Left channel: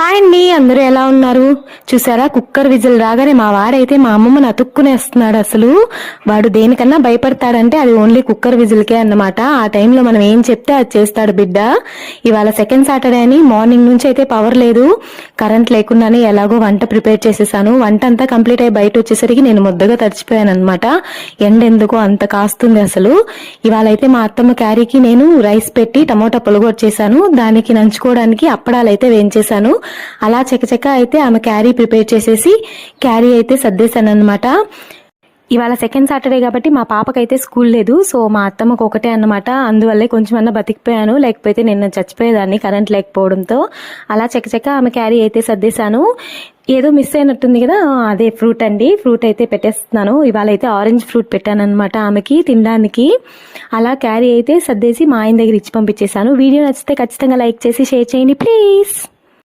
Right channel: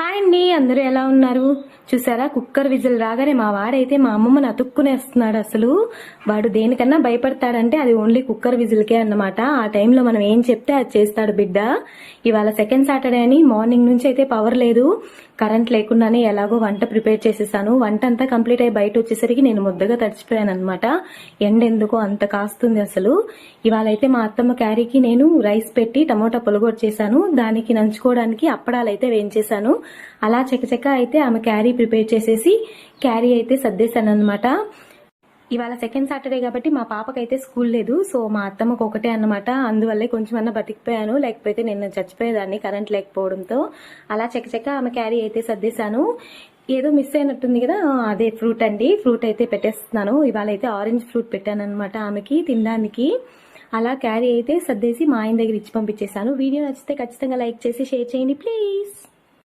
Hi అండి, అందరూ ఎలా ఉన్నారు? చూసారా, కుక్కర్ విజిల్ రాగానే మా వాడైతే మా అమ్మమ్మని అతుక్కునేస్తున్నాడు. అసలు వాడు దేనికన్నా భయపడతాడంటే అది ఓన్లీ కుక్కర్ విజిల్కే అన్నమాట. ఆ టైంలో మనం ఏం చెప్తే అది చేస్తాడు బిడ్డ. ఇవాళ సెకండ్ సాటర్డే అని మార్నింగ్ నుంచి అయితే పవర్ లేదు, కరెంట్ లేకుండానే ఎలాగో వంట ప్రిపేర్ చేసేసాను. వంట అంతా కంప్లీట్ అయ్యి బయట వచ్చేసరికి నేను ముద్దగా తడిచిపోయాను అనమాట. ఎండ ఎందుకో అంత కాస్తుంది అసలు. ఇవాళ అయితే మా అత్తమ్మ క్యారీకి నేను రైస్ పెట్టి టమోటా పులగొట్టు చేశాను. దానికి నంచుకోవడానికి అప్పడాలు అయితే వేయించేశాను. అలా చకచక అయితే ఆమె క్యారీ ప్రిపేర్ చేసేసి క్యారీ అయితే సర్దేశాను అనమాట. ఇవాళ సెకండ్ సాటర్డే కాబట్టి మా పాపకైతే స్కూల్ లేదు, సో మా అత్తమ్మకు ఒకటే అన్నమాట. అందువల్లే కొంచెమన్నా బతికిపోయాను, లేకపోతే నిన్న చచ్చిపోయేదాన్ని కరెంట్ లేకపోవడంతో. అలా చకచక ఆమె క్యారీ అయితే సర్దేశాను. ఏదో మిస్ అయినట్టుంది కదా, అదే ఫ్రూట్ అండి. ఫ్రూట్ అయితే పెట్టేస్తున్నాను. ఇవాళ అయితే ఆరెంజ్ ఫ్రూట్ పెట్టాను అనమాట ఆమెకి తినడానికి. అలా క్యారీ అయితే సర్దేసి మా ఆయన దగ్గర ఇచ్చి పంపించేశాను. వీడియో నచ్చితే ఖచ్చితంగా లైక్ చేసి షేర్ చేయండి ప్లీజ్.